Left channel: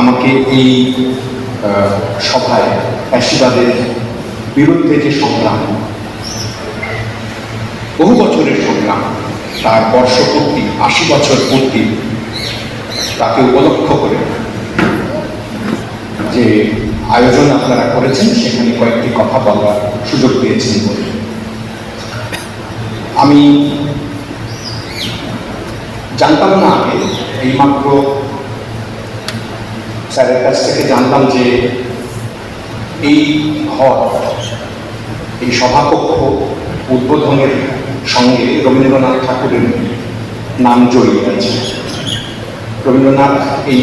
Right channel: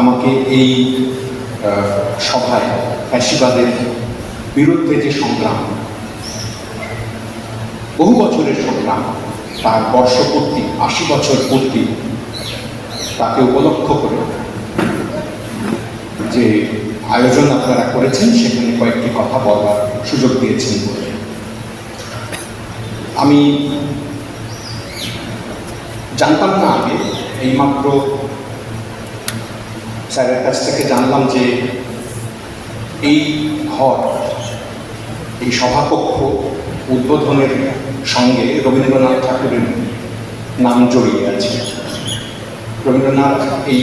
আমাকে এই সভায় ফ্যাসিবাদের বিরুদ্ধে যে সংগ্রাম, বহু বছরের সংগ্রাম, তার বর্ষপূর্তি, আশি বছর পূর্তি, তাকে উপলক্ষ করে যে আয়োজন আপনারা করেছেন, সেখানে কয়েকটি কথা বলবার সুযোগ পেয়েছেন বলে। আমি জানতাম না আগে, এইমাত্র স্যারের কাছ থেকে জানলাম যে এই ঘর, এই সভাকক্ষ উদ্বোধনের সঙ্গে রবীন্দ্রনাথ ঠাকুরের নাম জড়িয়ে আছে। রবীন্দ্রনাথ এই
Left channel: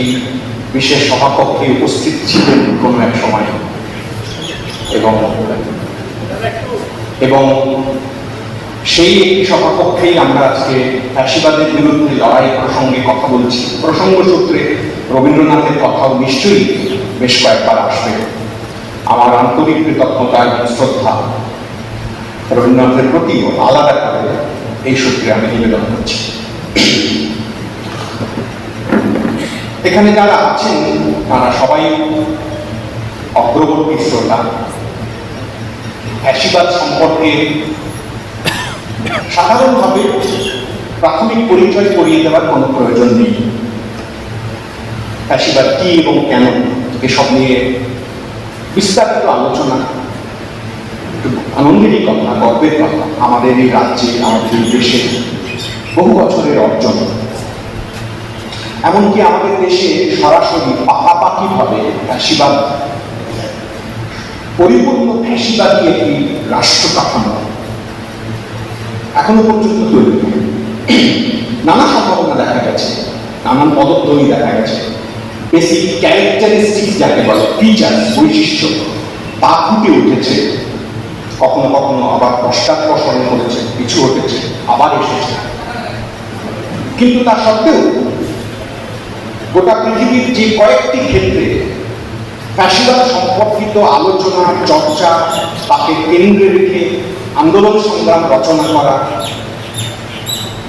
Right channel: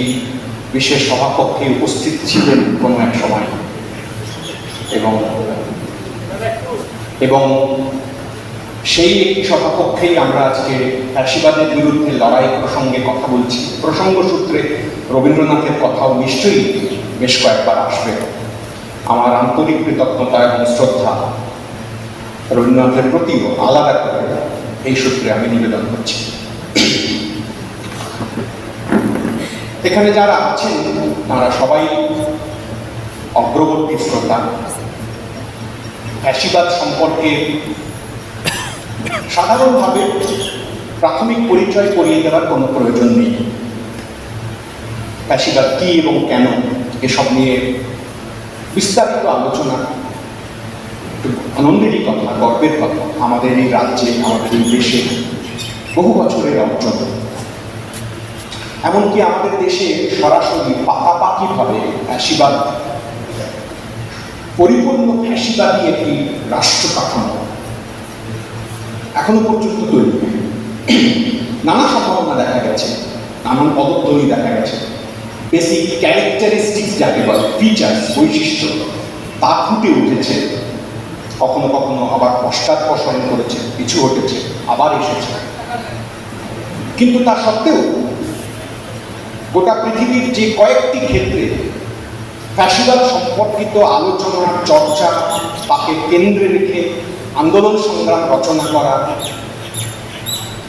বিশেষ সভাকক্ষে উপস্থিত ছিলেন কোনো এক সময়। এবং এবং সেই সভাকক্ষেই আমরা আজকে ফ্যাসিবাদের বিরুদ্ধে লড়াই প্রসঙ্গে কথা বলছি। প্রসঙ্গ সূত্রে রবীন্দ্রনাথের কথাও নিশ্চয়ই বেশ কয়েকবার আসবে। আমার আন্তরিক কৃতজ্ঞতা এবং শ্রদ্ধা। রবীন্দ্রনাথের প্রতিও আলাদা করে এই সূত্রে আমি নিবেদন করছি। এখানে যারা আছেন, তারা সবাই অগ্রবর্তী শ্রোতা। ফ্যাসিবাদ সম্পর্কে সাধারণভাবে প্রাথমিক পরিচয় করিয়ে দেওয়ার কোনো প্রয়োজন নেই। ফ্যাসিবাদ কি এবং কেন, এসব নিয়ে বিস্তারিত আলোচনা আনন্দেরই কথা, গর্বের কথা, আমাদের এই রাজ্যে আমাদের দেশে বহু বছরের অর্জন। এমনকি আমাদের দেশে সরাসরি পাকাপাকি ভাবে ফ্যাসিবাদ, পরিপূর্ণ ফ্যাসিবাদী একটি রাষ্ট্র কাঠামো। এখনও পর্যন্ত তৈরি নানা সম্ভাবনা দেখা গেছে, নানান পদধ্বনি দেখা গেছে। বেসিক ক্যারেক্টারিস্টিক যাকে বলে ফিচার্স বৈশিষ্ট্য, তা ফুটে উঠেছে। কখনো কখনো আবার পশ্চাৎপসরণ করেছে পিছু হটেছে আবার এসেছে। কিন্তু তা সত্ত্বেও গোটা পৃথিবীর যে কয়েকটি ক্ষেত্রে ফ্যাসিবাদ সম্পর্কিত আলোচনা, চর্চা তাকে কেন্দ্রে রেখে আন্দোলন সংগ্রাম রচনা করা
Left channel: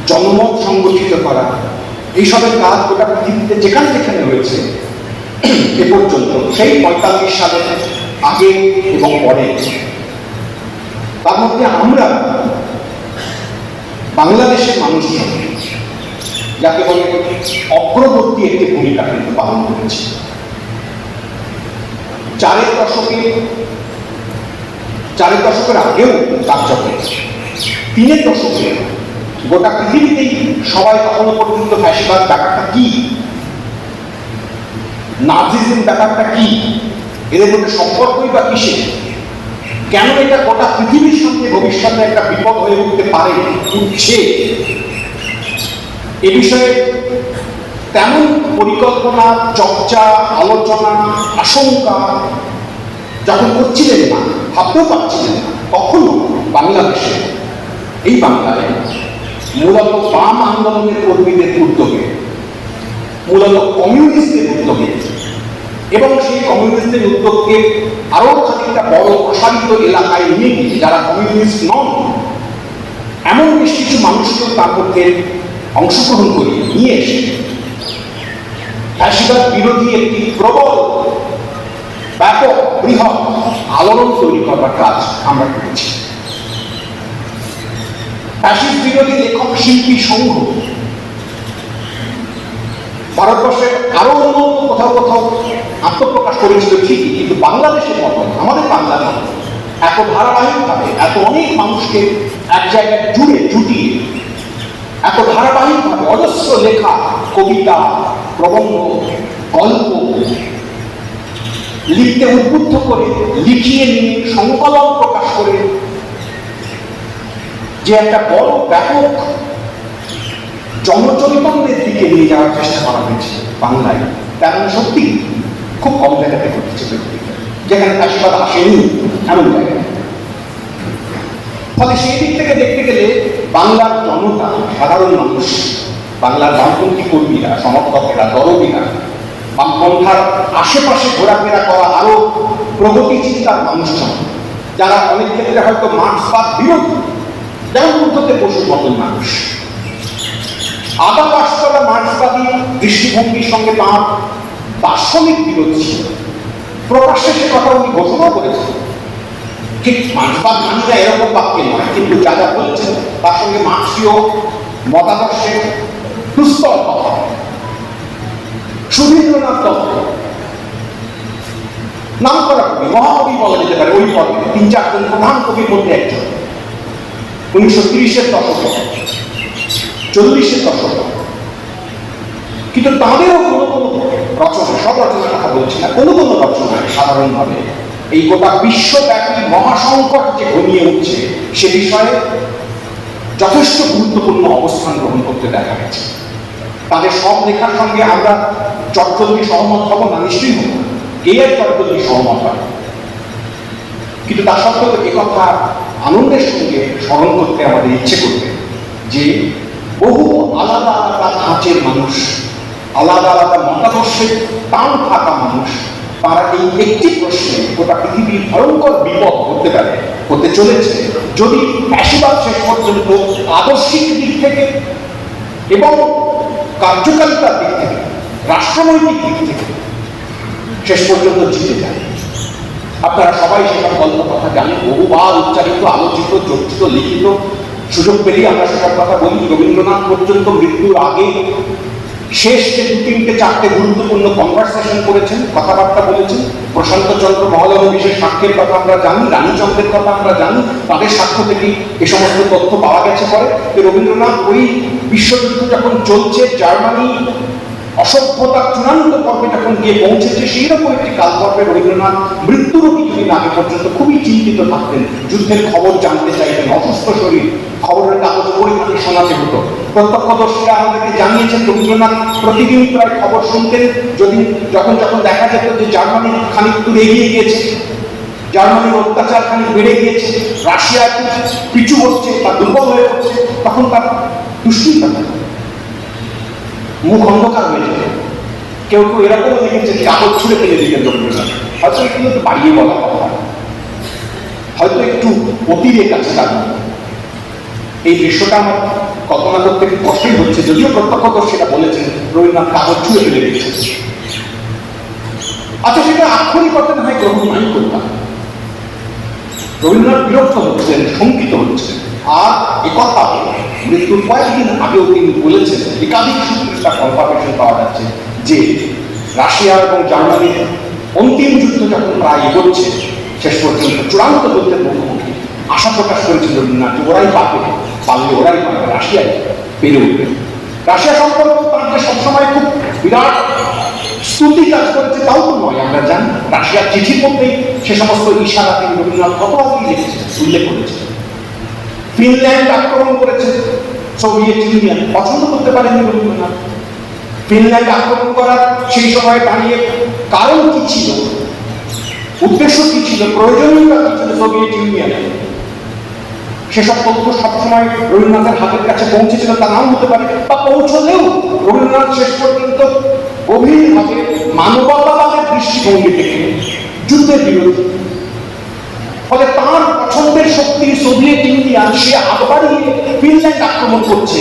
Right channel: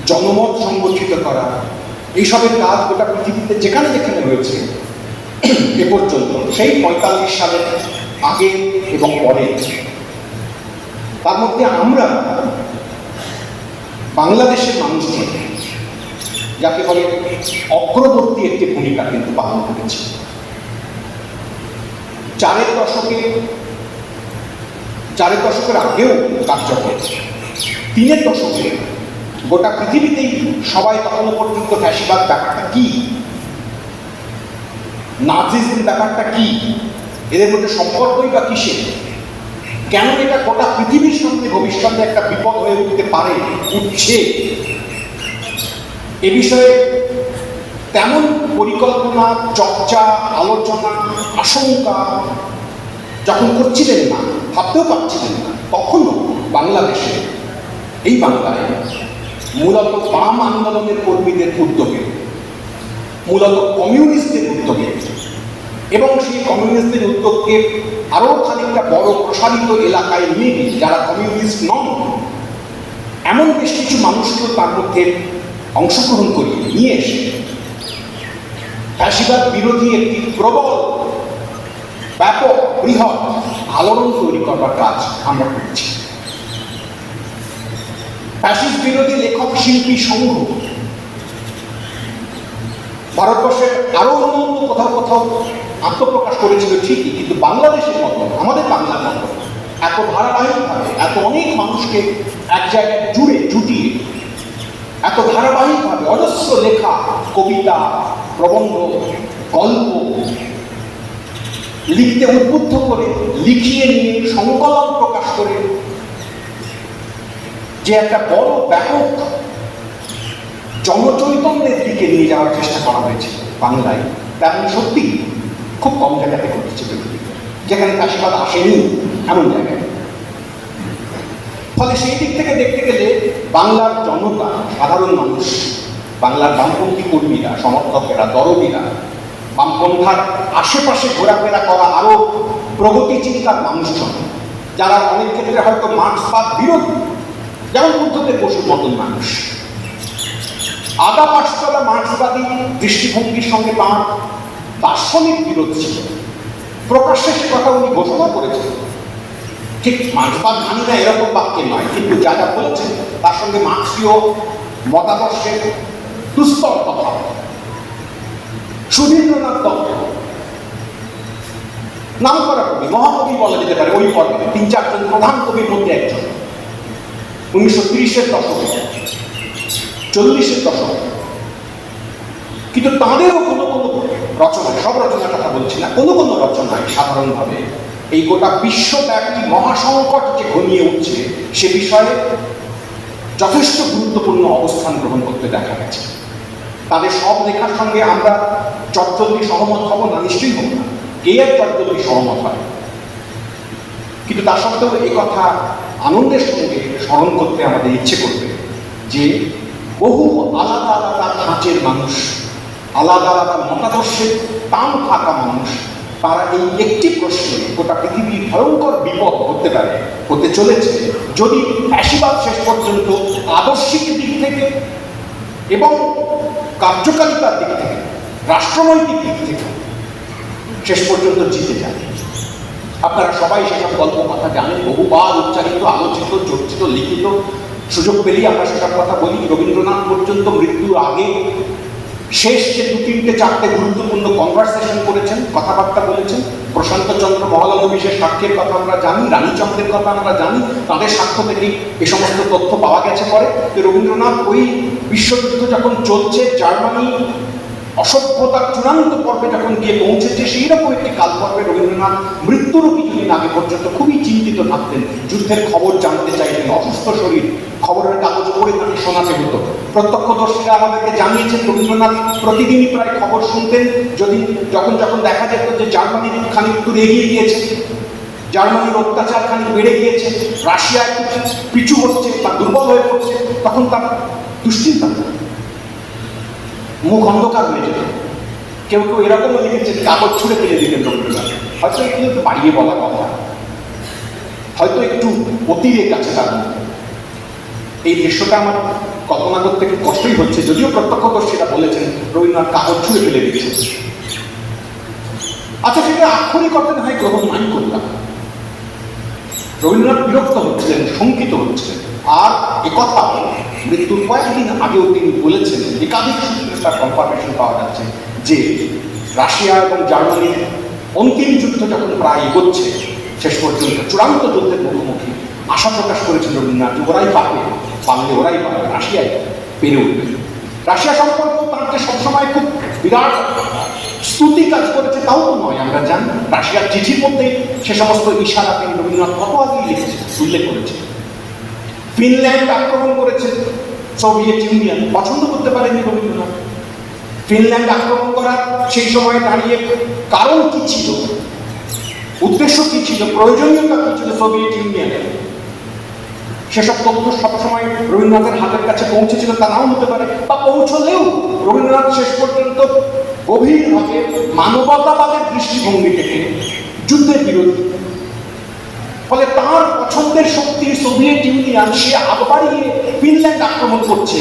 জনমত সংগঠিত করা, এইসবের কাজ গোটা পৃথিবীতে যেখানে যেখানে হয়েছে এ পর্যন্ত সেই পঁয়তাল্লিশ সালের আগে এবং পরে। তার মধ্যে আমরা বাংলাদেশের মানুষজন যাকে বলে অগ্রবর্তী একটি ভূমিকা কিন্তু পালন করেছি। চারের দশকে চারের দশকের আগেও কার্যক্রম তিনের দশকে গোটা পৃথিবীতেই সবাই তখনও পর্যন্ত ফ্যাসিবাদ ব্যাপারটা কি? নাজিজম ব্যাপারটা কি? এদের মধ্যে সম্পর্কই বা কিসে কেন এটা গোটা পৃথিবীর সঙ্গে ভবিষ্যতে একটা বিপদ হয়ে উঠতে পারে, উঠছে? এ বিষয়ে তেমন পরিকল্পনা, চর্চা, আলোচনা, আশঙ্কা যখন করছিলেন না ভাবতেও পারছিলেন না। তখনও বাংলাদেশে এই বাংলায় মূলত বাম আন্দোলনের কর্মীদের উদ্যোগে, মূলত কমিউনিস্টদের উদ্যোগে এবং সেই কমিউনিস্টদের উদ্যোগকে আরও খানিকটা বড় প্রসারিত এলাকায় নিয়ে গিয়ে যারা কমিউনিস্ট নন, এমন বেশ কিছু মানুষকে তার মধ্যে অংশগ্রহণ করিয়ে নিয়ে এসে ফ্যাসিবাদ বিরোধী একটি প্রবল ব্যাপক বৃহৎ আলোড়ন তৈরি করবার কাজ আমরা করেছি। ফ্যাসিস্ট বিরোধী লেখক শিল্পী সংঘ ভারতবর্ষের আরও অন্য কোথাও কোথাও আত্মপ্রকাশ করেছিল ঠিকই, কিন্তু বাংলাদেশের মতো, আমাদের বাংলার মতো, এত ধারাবাহিকভাবে, এত অনেক মানুষকে এক জায়গায় জুড়ে জুটিয়ে, এত ধারাবাহিকভাবে অজস্র লেখা, কবিতা, প্রবন্ধ, গল্প লিখতে উদ্বুদ্ধ করে, লিখিয়ে নিয়ে সংকলন প্রকাশ করে। যে একটা বড় ব্যাপক জনচৈতন্যের দিকে নিয়ে যাওয়ার চেষ্টা করা হয়েছে বাংলায়। তেমন সত্যি খুব কম জায়গাতে ঘটেছিল। যেখানে আশীর্বাদ আসেনি এমন জায়গায়। ফলে সেই দিক থেকে দেখতে গেলে বাংলার জনতা, সাধারণ মানুষ, বাংলার বামপন্থী কর্মীরা, সমর্থকেরা দরদীরা বামপন্থার আশেপাশে ঘোরাফেরা করা আরও প্রগতি চিন্তার মানুষজন। যারা অনেক ক্ষেত্রে হয়তো মার্ক্সবাদ বিরোধী যেমন বসুর মতন মানুষ। আদা পাঁচতলা মার্ক্সবাদী দৃষ্টিভঙ্গির সঙ্গে তাঁর দার্শনিক বিরোধ ছিল। প্রকাশ্যে সে কথা উনি ঘোষণা করেছেন। ঠিক মার্ক্সবাদ মানি না এরকম বাক্যে নয়, কিন্তু যা যা বলেছেন, তার সঙ্গে মার্ক্সীয় মতাদর্শের দুস্তর কথা। সুধীন্দ্রনাথ দত্ত। নাম করা কবি, মহাকবি বলা যেতে পারে ওই পর্বে তিন চারজন প্রধান কবির মধ্যে একজন। উনিশশো তিরিশের দশকে, চল্লিশের দশকে। কিন্তু তাদেরও কোনো কোনো রচনা, সব রচনার কথা বলছি না, কোনো কোনো রচনায় সাধারণভাবে এই গোটা বিশ্বব্যাপী মহাসংকট যে ঘনিয়ে উঠছে, সে বিষয়ে যথেষ্ট গুরুত্বপূর্ণ অবস্থান গ্রহণ করতে দেখা গেছে। তাদের সব লেখার সঙ্গে আমরা চটজলদি সহমত হব না? নিশ্চয়ই হব। না। কে আর চটজলদি সহমত হয় কিন্তু তা সত্ত্বেও এ কথা? আনন্দের সঙ্গে স্মরণ করতে আমাদের ইচ্ছে করবে যে বহু আলাদা আলাদা ধাঁচের মানুষ, আলাদা আলাদা মতাদর্শের টান থাকা মানুষ, তারা এই একটি প্রশ্নে গোটা পৃথিবীর ভয়ঙ্কর বিপদ করতে পারে, হতে চলেছে। যদি ফ্যাসিবাদ শেষ পর্যন্ত আদর্শিক দিক থেকে এবং কার্যকারিতার দিক থেকে রাষ্ট্রনৈতিক দিক থেকে শেষ পর্যন্ত জিতে যায় আপনারা সবাই সেসব গল্প কথা জানেন, বহুবার উচ্চারিত, আলোচিত, চর্চিত, লিখিত সুযোগ পেলেই আমরা সেসব কথা বলি। রবীন্দ্রনাথ পর্যন্ত মৃত্যুর আগে শেষ যে দু তিনটে চারটে গুরুত্বপূর্ণ কনভারসেশন করেছেন, কথাবার্তা বলেছেন, প্রশান্ত চন্দ্র মহোদয় বিশেষ সাক্ষীর কথা আমরা জানি রানীচন্দ্রের কথা আমরা জানি, তাদের সাক্ষ্য থেকেই এই সমস্ত তথ্য পাওয়া গেছে পরে। রবীন্দ্রনাথ ওই বিশ্বযুদ্ধ যখন চলছে, জার্মানি অসভ্যতার চূড়ান্ত পর্বে যখন গিয়ে পৌঁছেছে সেই রকম একটি কাল পর্বে রবীন্দ্রনাথ মৃত্যুরও কিছুদিন আগে পর্যন্ত খুবই চিন্তিত থাকতেন, যুদ্ধের খবর জানতে চাইতেন, অসুস্থ শরীর, খবরের কাগজ পড়ে তাকে শোনাতে হতো। প্রত্যক্ষদর্শীরা আমাদেরকে জানিয়েছেন, রবীন্দ্রনাথ প্রতিদিন প্রায় খবর শুনতেন, যদি যখন যখন দেখা যেত যে জার্মানি খানিক দূর এগিয়ে গিয়েছে, জার্মানির অত্যাচার খানিক বেড়ে গিয়েছে রাশিয়া পিছু হচ্ছে বা দুর্বল হয়ে পড়ছে, তখন তার দুশ্চিন্তা হতো মুখ অন্ধকার হয়ে যেত কেউ কেউ এরকম লিখেছে কাপড় ছুঁড়ে ফেলে দিলেন রবীন্দ্রনাথ হয়তো একটু বাড়িয়ে বলা কথা। হয়তো একটু অতিরেক আছে তার। এই দৃশ্যটা আমার কল্পনা করতে কষ্টই হচ্ছে। যদিও প্রত্যক্ষদর্শীরা বলেছেন, রবীন্দ্রনাথ কাগজ ছুঁড়ে ফেলে দিয়েছেন। আচ্ছা সেটা আক্ষরিক অর্থে না হয় গ্রহণ নাই করতাম রবীন্দ্রনাথ বিরক্ত হচ্ছেন, শঙ্কিত হচ্ছেন। আর একথা মৃত্যুর কয়েকদিন আগেও তিনি বলেছেন, একাধিক তার কনফার্মেশন পাওয়া যাচ্ছে যে রাশিয়া এবং জার্মানির অন্তিম যুদ্ধ যখন প্রায় এগোচ্ছে শেষ পর্যন্ত চূড়ান্ত যুদ্ধের মুখোমুখি আশা প্রকাশ করেছিল রবীন্দ্রনাথ। ওরাই পাবে পারলে ওরাই পাবে রাশিয়াই পেরে উঠবে। রাশিয়া সম্পর্ক তার যে সবসময় খুব বিরাট স্তুতি কাজ করেছে, তাও নয়, আমরা জানি। রাশিয়ার চিঠির মধ্যেই সে সমস্ত ইশারা তিনি রবীন্দ্রনাথ লিখেছে উল্লেখ করেছে ফিনল্যান্ড আক্রমণ করেছে সোভিয়েত ইউনিয়ন পছন্দ করতে পারেনি রবীন্দ্রনাথ ফিনল্যান্ড আক্রমণ করার সেই সময় দাঁড়িয়ে কারণ কি ছিল? উদ্দেশ্য কি ছিল? প্রয়োজনীয়তা কি ছিল? সোভিয়েত ইউনিয়নের সেসব তথ্য সবসময় রবীন্দ্রনাথের হাতের কাছে পৌঁছেছিল তা নাও হতে পারে বা পৌঁছলেও রবীন্দ্রনাথ শেষ পর্যন্ত গভীরভাবে মানবতাবাদের দৃষ্টিভঙ্গি থেকে যুদ্ধের বিরোধী ফলে তার পছন্দের শক্তি সোভিয়েত ইউনিয়ন, সে হাত ফিনল্যান্ড আক্রমণ করছে।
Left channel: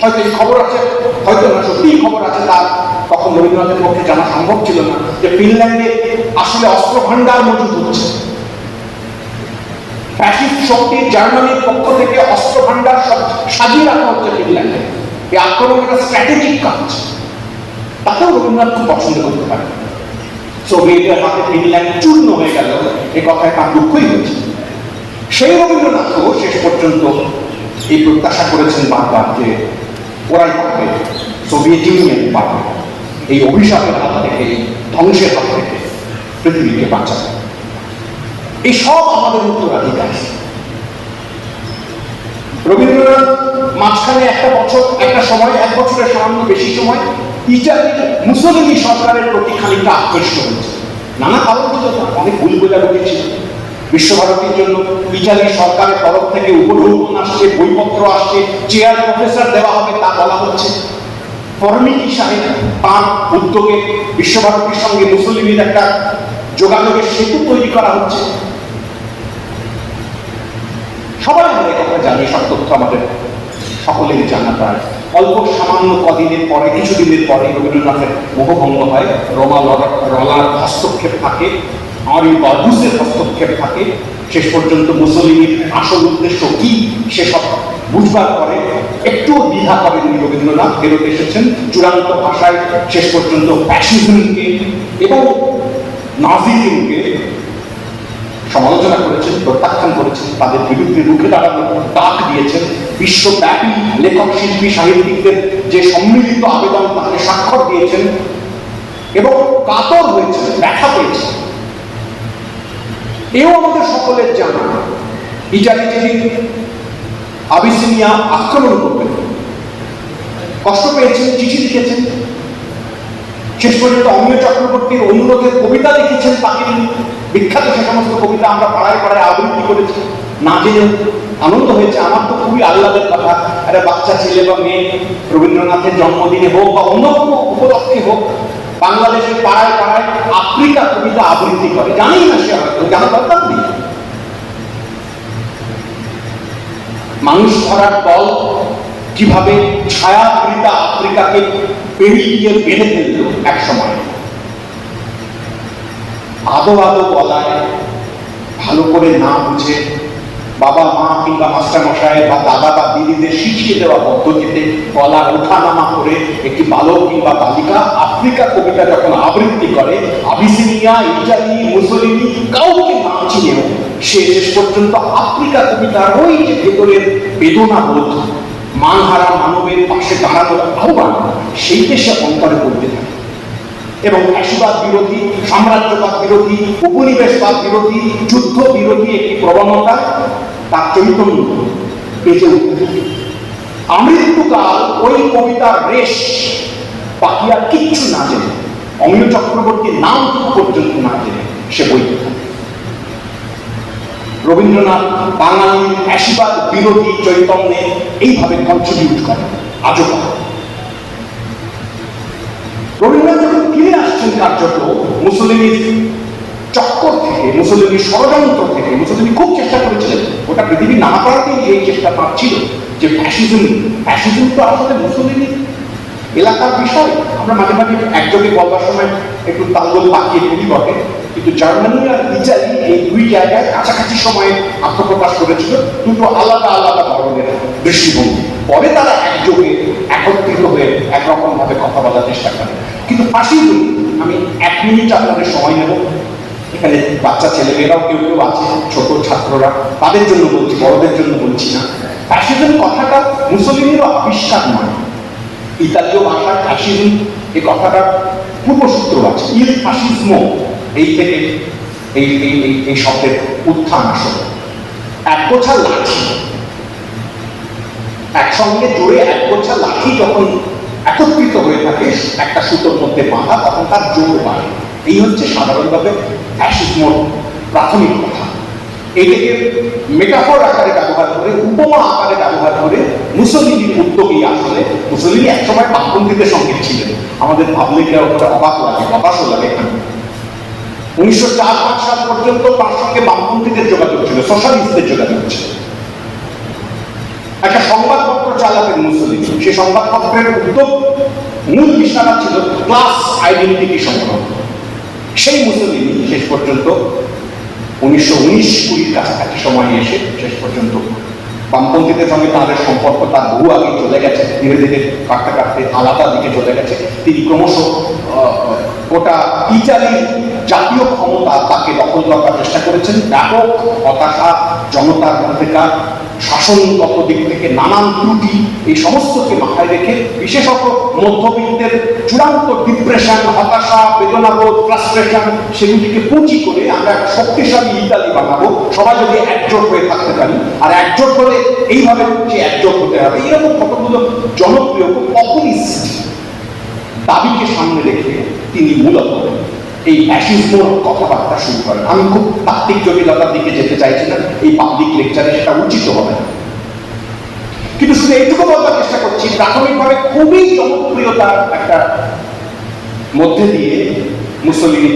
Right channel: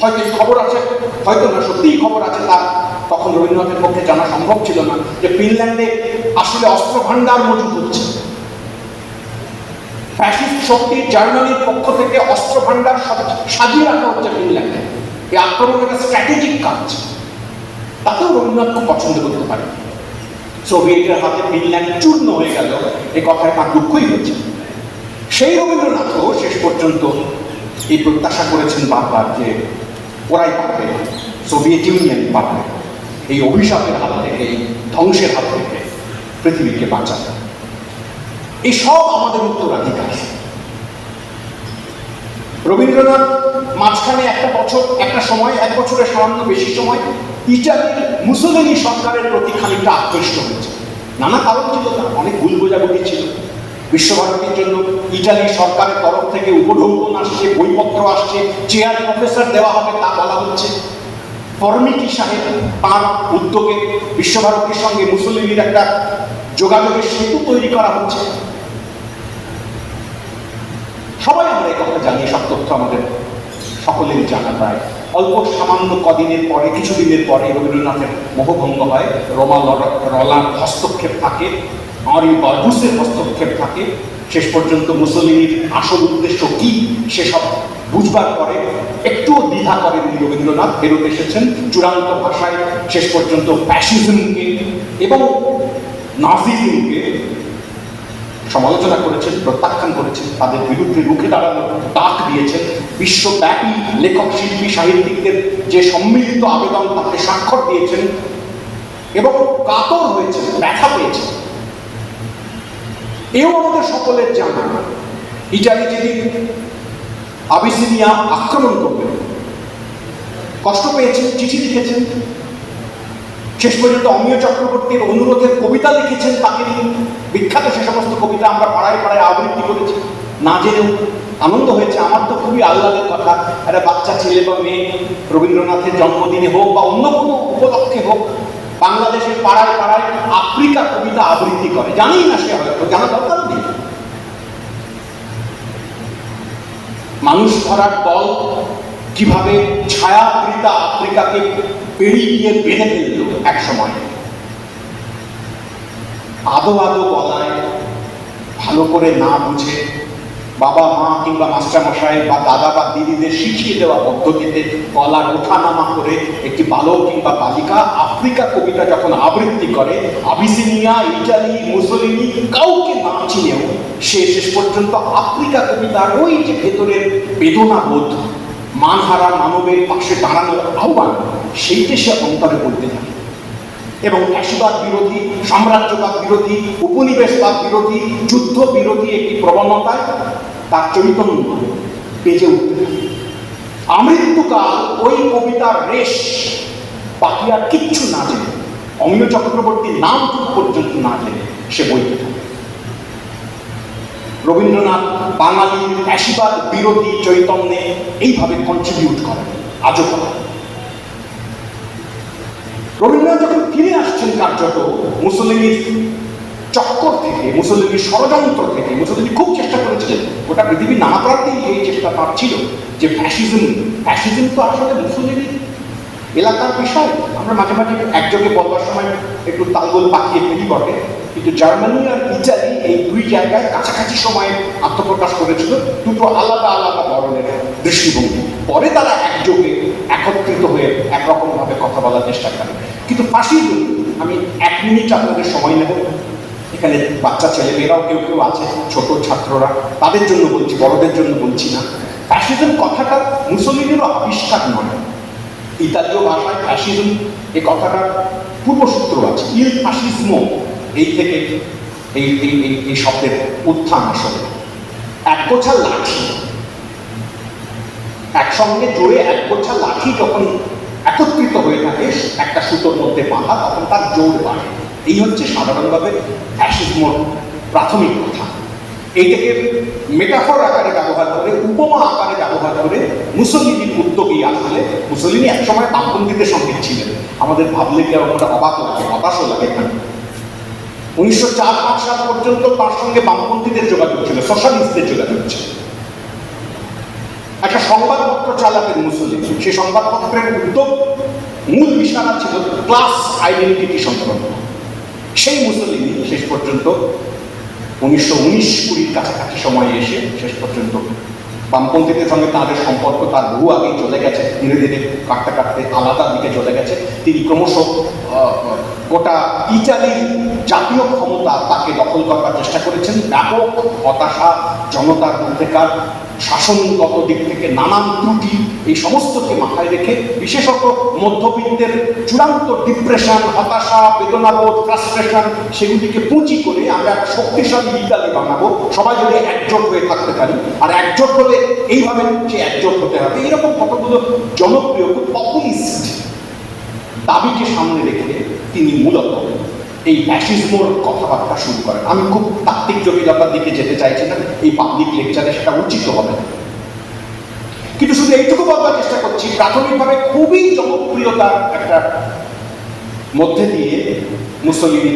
হয়তো এই খবর আছে, হয়তো না, সত্যিই খবর আছে তার তখন রবীন্দ্রনাথের পক্ষে জানা সম্ভব ছিল না যে ফিনল্যান্ডে আসলে অস্ত্র ভান্ডার মজুদ হচ্ছে। ফ্যাসিস্ট শক্তি জার্মানির পক্ষ থেকে অস্ত্র ভান্ডার সব সাজিয়ে রাখা হচ্ছে ফিনল্যান্ডে। এই আক্রমণ একটা স্ট্র্যাটেজিক কাজ। তাতেও রবীন্দ্রনাথ খুব পছন্দ করতে পারে সোভিয়েতের হাতে ফিনল্যান্ড চূর্ণ হয়ে গেল। এ কথায় তার দুঃখই হয়েছে। সেই রবীন্দ্রনাথও শেষ পর্যন্ত এই প্রত্যাশা করেছেন যে ওরাই পাবে সোভিয়েত ইউনিয়ন পাবে এই অভিশাপের হাত থেকে, ধ্বংসের হাত থেকে পৃথিবীকে বাঁচাবে। এই সব আমাদের উত্তরাধিকার। রবীন্দ্রনাথ মাঝখানে একটা বছর, একটা সময়, এক বছরের সামান্য বেশি সময় মুসলিমি সরকারের প্রতি খানিকটা আকৃষ্ট হয়েছে। নানা অনেক ভুল বিশ্বভারতীর জন্য ইটালি সরকারের তরফ থেকে উপঢৌকন আসছে, বইপত্র আসছে, চেয়ার প্রফেসর দেওয়া হবে তা বলা হচ্ছে। সাহেব তার উদ্যোগে বিশ্বভারতীর সঙ্গে মুসলিমের একটা যোগাযোগের সেতু তৈরি করা হচ্ছে। সবাই আমরা জানি, সব তথ্য আমাদের সকলের জানা অল্প সামান্য কদিনের পরে কিছুদিনের পরে রবীন্দ্রনাথের মোহভঙ্গ হয়। রমা রলার হস্তক্ষেপ থাকে আরি বার্গুসের হস্তক্ষেপ থাকে। শেষ পর্যন্ত মুসলিমের আসল উদ্দেশ্য কি, সেসব বুঝবার পরে একটু দ্বিধা করেননি রবীন্দ্রনাথ, ফেরত এসেছেন চূড়ান্ত ভাষায়। শেষ পর্যন্ত ফ্যাসিজমকে এবং নাজিজমকে সমালোচনা করেছেন, প্রত্যাখ্যান করেছেন, তাদের বিরুদ্ধে রুখে দাঁড়ানোর ডাক দিয়েছেন। বিশ্বব্যাপী লেখক, শিল্পী, সাহিত্যিকদের যে সম্মিলিত আবেদন, তাকে স্বাক্ষর দিয়েছেন এবং কাতর হয়েছেন, ব্যথা পেয়েছেন। এও আমাদের সকলের জানা, ইটালি যেদিন আবিসিনিয়া আক্রমণ করবেন, কষ্ট পেয়েছেন, চিঠি লিখেছেন। শেষ পর্যন্ত অমিয় চক্রবর্তীর অনুরোধের কবিতা লিখেছেন, তাকে বিখ্যাত সে সমস্ত কবিতা আমরা পাড়ায় পাড়ায় আবৃত্তি করেছি, না জেনেও আনন্দ হয়েছে। আমার তো খুবই আহ্লাদের কথা। একটা বাচ্চা ছেলে বা মেয়ে, রবীন্দ্রনাথের জন্মদিনে হোক বা অন্য কোনো উপলক্ষে হোক, বাংলাদেশের পাড়ায় পাড়ায় আফ্রিকা কবিতা আবৃত্তি করে। জানি না সে হয়তো, জানা দরকার নেই মানুষ ধরার দল কীভাবে ছায়া কবিতা আফ্রিকাকে পেরিয়ে বেঁধে ফেলল এক সময় আদো আদো বলায় ভালো করে না বুঝে বাবা মা কিংবা মাস্টারমশাই বা দাদা বা দিদিদের শিখিয়ে দেওয়া পদ্ধতিতে গলা ওঠানামা করে একটি বালক কিংবা বালিকা আফ্রিকা কবিতা যখন আবৃত্তি করে, আবিসিনিয়া, ইটালি মুসলিনি কাউকে না চিনেও সে শেষ পর্যন্ত আফ্রিকা কবিতার ওই যে ভেতরের বেদনা বোধ মানহারা মানবের পাশে দাঁড়ানোর আহ্বান, সেইটা সে অন্তরে করতে থাকে। এবং ফ্যাসিবাদ বিরোধী, সাম্রাজ্যবাদ বিরোধী, উপনিবেশবাদ বিরোধী, যুদ্ধ বিরোধী একটি প্রবণতা তার চৈতন্য বেঁচে আমৃত্যুকাল, ওই কবিতার রেশ বাকি আর কিচ্ছু না জেনে অমিয় চক্রবর্তীর নামটুকু পর্যন্ত না জেনে সে বইতে রবীন্দ্রনাথ বাঙালির ফ্যাসিবাদ বিরোধী চৈতন্যে এইভাবে কন্ট্রিবিউট করে। আজও রবীন্দ্রনাথ আসছেন কার্যত মুসলিনীর চক্কর থেকে মুসলিনীর ষড়যন্ত্র থেকে মুসলিনী খুব চেষ্টা করেছিলেন। ওটা পৃথিবীর নানা কারণেই এই চেষ্টা তার ছিল যে ফ্যাসিজম ফ্যাসিজম তো আসলে মুসলিনীর এলাকার বিষয়। আমরা মাঝে মাঝে একযোগে বলার সময় একটু তালগোল পাকিয়ে ফেলি বটে। কিন্তু জার্মানি আর ইটালি এই দুই জায়গায় কাছাকাছি সময়ে আত্মপ্রকাশ করেছিল দুটো আলাদা আলাদা ধরনের দৃষ্টিভঙ্গি। পরে তারা একযোগে একত্রিত হয়ে একরকম ভাবে কথা বলার চেষ্টা করে কিন্তু ফাঁসিজম আমি এক মিনিট আপনাদের সময় নেব। এখানে বাচ্চা ছেলেমেয়েরাও কেউ কেউ আছে, ছোট ছাত্ররা। তাদের জন্য বলছি, বড়দের জন্য বলছি না। ফ্যাসিজম কথাটা মুসলিমেরও আবিষ্কার নয়। ইতালীয় ভাষায় ফ্যাসিজম, এই কথাটা পূর্বসূত্র আছে। ইল ফাসিজমো এই থেকে এই এই এই শব্দের উত্থান আসলে। এক গোছা লাঠি। একসঙ্গে জোরে এক গোছা লাঠি যখন একত্রিত হয়ে থাকে, একটা সুতোর মধ্যে বাঁধা, তখন তার জোর বাড়ে। এই হচ্ছে সাধারণভাবে ফ্যাসিজমোর প্রাথমিক কথা। এটাকে মেটাফর আকারে ব্যবহার করে, উপমা আকারে ব্যবহার করে মুসলিনীর উদ্যোগী আসলে মুসলিনী একসময় বামপন্থীদের সঙ্গে ছিলেন। আমাদের ভাবলে কি আর ওটা অবাক লাগে হতাশও লাগে উনিশশো চার পাঁচ সাল পর্যন্ত তার সঙ্গে বামপন্থীদের যোগাযোগ ছিল সোশ্যালিস্টদের যোগাযোগ ছিল। একটা সংবাদপত্র চালাতেন মুসলিম সেই সংবাদপত্রের উদ্যোগ মূল বিষয়টা ছিল ক্লাস আইডেন্টিটি সংক্রান্ত সেই মুসলিম শেষ পর্যন্ত উনিশশো উনিশ কুড়ির কাছাকাছি সময়ে এসে শেষ পর্যন্ত বামপন্থীদের সঙ্গে তাদের সম্পর্ক তার বহু আগে চলে গেছে। ধীরে ধীরে কাটতে কাটতে আলাদা দিকে চলে গেছে। তিনি ক্রমশ গোটা ইটালির জাতীয় ক্ষমতা তাকে দখল করবার চেষ্টা করেছেন। ব্যাপক হতাশা, জনতার মধ্যেকার শাসনগত দিক থেকে নানান ত্রুটি, এই সমস্তকে মাথায় রেখে বিশেষত মধ্যবিত্তের চূড়ান্ত ডিপ্রেশন হতাশা, বেদনাবোধ ফ্রাস্ট্রেশন সেগুলিকে পুঁজি করে আমরা একটা শক্তিশালী ইতালি বানাবো। সবাই যদি একজোট হয়ে থাকতে পারি, আর একজোট হলে এইভাবে সে একজোট হতে হবে। এরকম কতগুলো জনপ্রিয় পপুলিস্ট দাবিকে সামনে রেখে তিনি মূলত এই ফ্যাসিজমোর কথাবার্তা শুরু করেন। আমি খুব তাত্ত্বিক জটিলতার দিকে যেতে চাইছি না, এই পাবলিক লেকচারে সেটা উচিত হবে না। কিন্তু শুধু এইটুকু বলবার চেষ্টা করছি, প্রাথমিকভাবে খুবই জনপ্রিয়তার একটা মধ্যে দিয়ে মুসলিম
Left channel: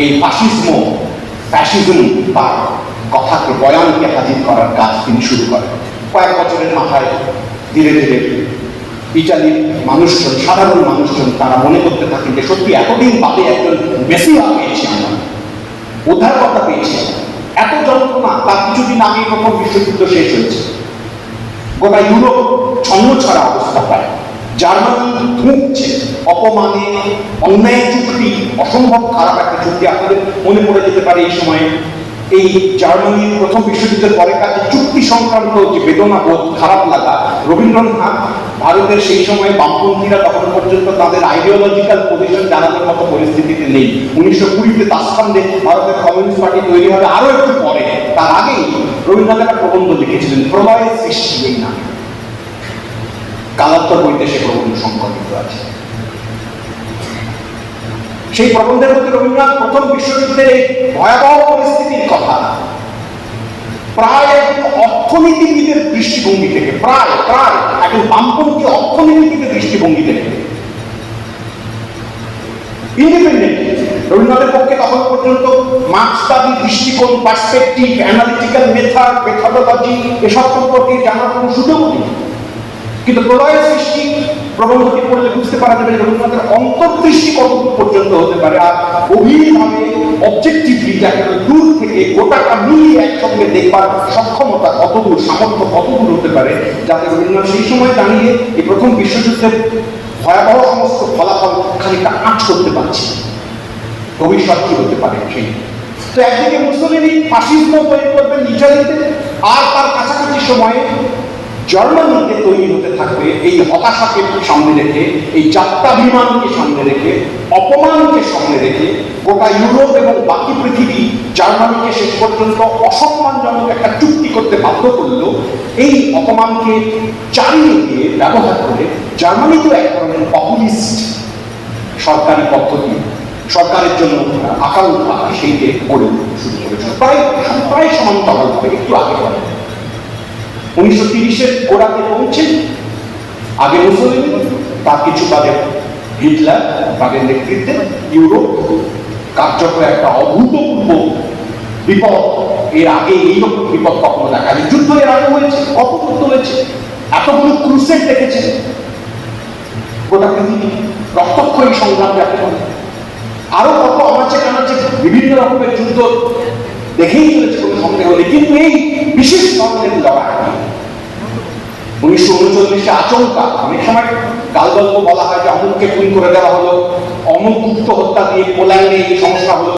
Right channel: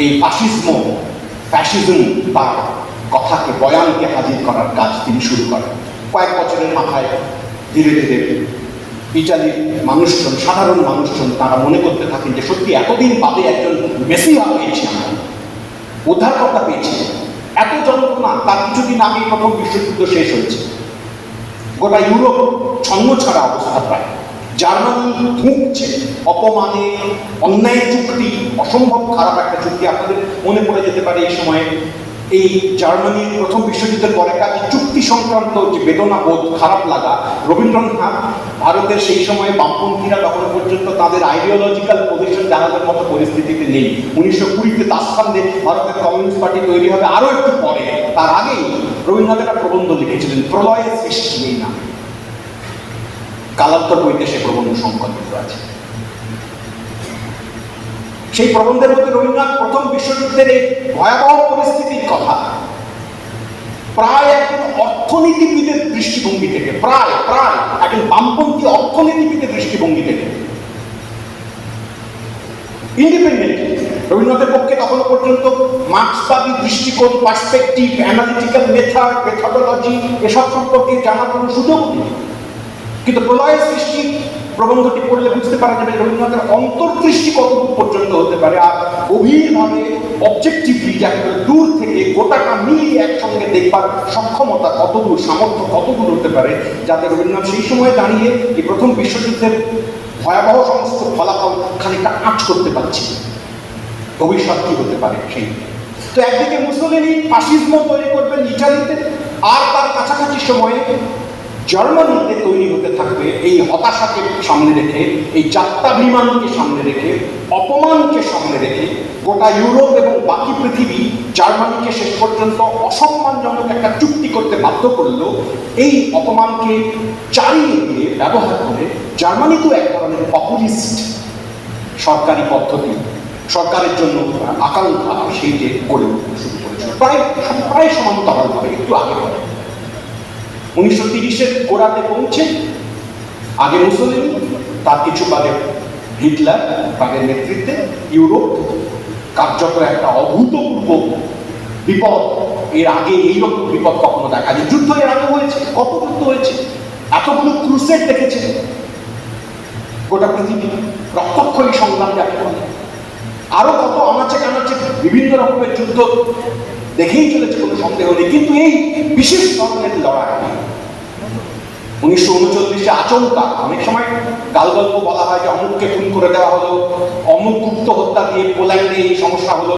এই ফাসিজম ফ্যাসিজম তার কথাকে, বয়ানকে হাজির করার কাজ তিনি শুরু করেন। কয়েক বছরের মাথায় ধীরে ধীরে ইটালির মানুষজন, সাধারণ মানুষজন, তারা মনে করতে থাকেন যে সত্যি এতদিন বাদে একজন বেশি মেসিয়া পেয়েছি আমরা। উদ্ধারকর্তা পেয়েছি। এত যন্ত্রণা, তার কিছুদিন আগে প্রথম বিশ্বযুদ্ধ শেষ হয়েছে। গোটা ইউরোপ ছন্ন ছড়া অবস্থা পায়। জার্মানি ধুঁকছে অপমানে, অন্যায় চুক্তি, অসম্ভব খারাপ একটা চুক্তি আপনাদের মনে পড়ে যেতে পারে এই সময়ে। এই জার্মানির প্রথম বিশ্বযুদ্ধের পরে কাছে চুক্তি সংক্রান্ত যে বেদনা বোধ খারাপ লাগা, রবীন্দ্রনাথ ভারতের সেই সময়ে বামপন্থীরা তখন পর্যন্ত তাদের আইডিওলজিক্যাল পজিশন জানানোর মতো পরিস্থিতিতে নেই। উনিশশো কুড়িতে তাসখান্দে ভারতের কমিউনিস্ট পার্টি তৈরি হবে আরও একটু পরে। তার আগেই রবীন্দ্রনাথ একটা প্রবন্ধ লিখেছিলেন প্রলয়ের সৃষ্টি নামে কালাত্তর বইতে সে প্রবন্ধ সংকল্পিত আছে। সেই প্রবন্ধের মধ্যে রবীন্দ্রনাথ প্রথম বিশ্বযুদ্ধের এই ভয়াবহ পরিস্থিতির কথা প্রায় একজন অর্থনীতিবিদের দৃষ্টিভঙ্গি থেকে, প্রায় প্রায়, একজন বামপন্থী অর্থনীতিবিদের দৃষ্টিভঙ্গি থেকে। ইন্ডিপেন্ডেন্ট রবীন্দ্রনাথের পক্ষে তখন পর্যন্ত মার্ক্সবাদী দৃষ্টিকোণ পার্সপেক্টিভ অ্যানালিটিক্যাল মেথড মেথডোলজি এসব সম্পর্কে জানার কোনো সুযোগ নেই। কিন্তু প্রলয়ের সৃষ্টি প্রবন্ধটি পড়লে বুঝতে পারা যাবে রবীন্দ্রনাথের অন্তর্দৃষ্টি কতদূর পর্যন্ত হতে পারে আর গভীরভাবে অবজেক্টিভলি যাকে দূর থেকে গোটাটা মিলিয়ে একসঙ্গে দেখবার সক্ষমতা কতগুলো, সামর্থ্য কতগুলো হতে পারে, যাতে রবীন্দ্রনাথ সেই সময় দাঁড়িয়ে এই প্রথম বিশ্বযুদ্ধের ভয়াবহ সমস্ত ফলাফল খানিকটা আঁচ করতে পারছে। ভবিষ্যৎ কি হতে পারে সেই তো একদিকে মুসলিনী ফাসিজম তৈরি করবেন ইটালিতে আর তার কাছাকাছি সময়ে জার্মানিতে তৈরি হতে থাকবে এই হতাশাকে সামনে রেখে, এই যাত্রাভিমানকে সামনে রেখে, অপমানকে সামনে রেখে গোটা ইউরোপ এবং বাকি পৃথিবী জার্মানিকে শেষ পর্যন্ত অসম্মানজনক একটা চুক্তি করতে বাধ্য করল। এই অপমানকে চালিয়ে দিয়ে ব্যবহার করে জার্মানি তো এক ধরনের পপুলিস্ট সরকারি পদ্ধতি। সরকারের জন্য আকাঙ্ক্ষা সেইকে করেছিল প্রায় প্রায় সমান্তরাল হবে একটু আগে বলে উনিশশো তিরিশের গোড়াতে পৌঁছে আগে মুসলিম, তার কিছু বাগে হিটলার তাদের নেতৃত্বে ইউরোপ কার্যকর একটা অভূতপূর্ব বিপদ। এর আগে এইরকম বিপদ কখনো দেখা যায় যুদ্ধ এর আগে হয়েছে যুদ্ধ হয়েছে। এতগুলো ক্রুসেড দেখেছেন। গোটা পৃথিবী রক্তক্ষয়ী সংগ্রাম বলে আরও কত আমাচ্ছে কানাচ্ছে বিভিন্ন রকমের যুদ্ধ দেখেই চলেছে, কোনো সন্দেহ নেই। কিন্তু এই বিশেষ ধরনের লড়াই উনিশশো উনচল্লিশে আচমকা অনেক সময় গাল গল্প বলা হয় যে অমুককে খুন করে দেওয়া হলো, অমুক গুপ্ত হত্যা দিয়ে পোল্যান্ডে এই সমস্যা হলো।